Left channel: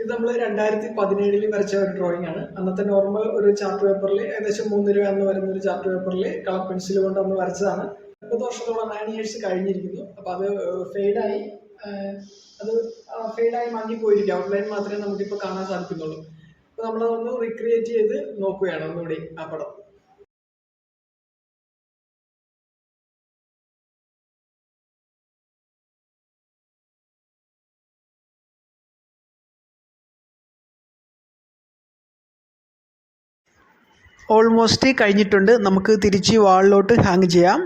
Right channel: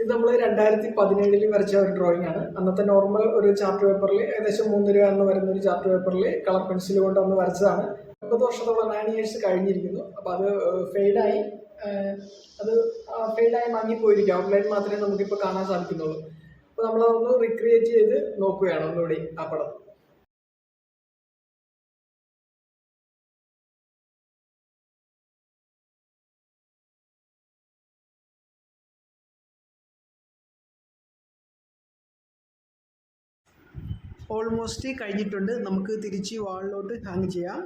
ഇത് നമ്മൾ 2017 വരച്ച ഒരു ഡ്രോയിങ് ആണ്. അന്നത്തെ നോർമൽ ഒരു ചാർട്ട് പേപ്പറിൽ ഏകദേശം 3 രൂപ എന്ന് വരുന്ന ഒരു ചാർട്ട് പേപ്പറിൽ കളർ പെൻസിൽ കൊണ്ട് അന്ന് വരച്ചതാണ്. 9 വർഷത്തോളം 9 ഇയേഴ്സ് കഴിഞ്ഞിരിക്കുന്നു. അപ്പോൾ അത് ഫെയ്ഡായി അത് ഫെയ്ഡായി മങ്ങിപ്പോയിരിക്കും. ഔട്ട്ലൈൻ മാത്രമേ നമുക്കിപ്പോൾ കാണാൻ സാധിക്കുന്നുള്ളൂ. അപ്പോൾ നമ്മളതൊന്ന് റിക്രിയേറ്റ് ചെയ്ത് നോക്കുകയാണ് ഒന്നുകൂടി ആ പടം. ഓൾമോസ്റ്റ് കഴിഞ്ഞിട്ടുണ്ട്. നമുക്ക് തിരിച്ച് വാളിലോട്ട് ഹാങ് ചെയ്യാം.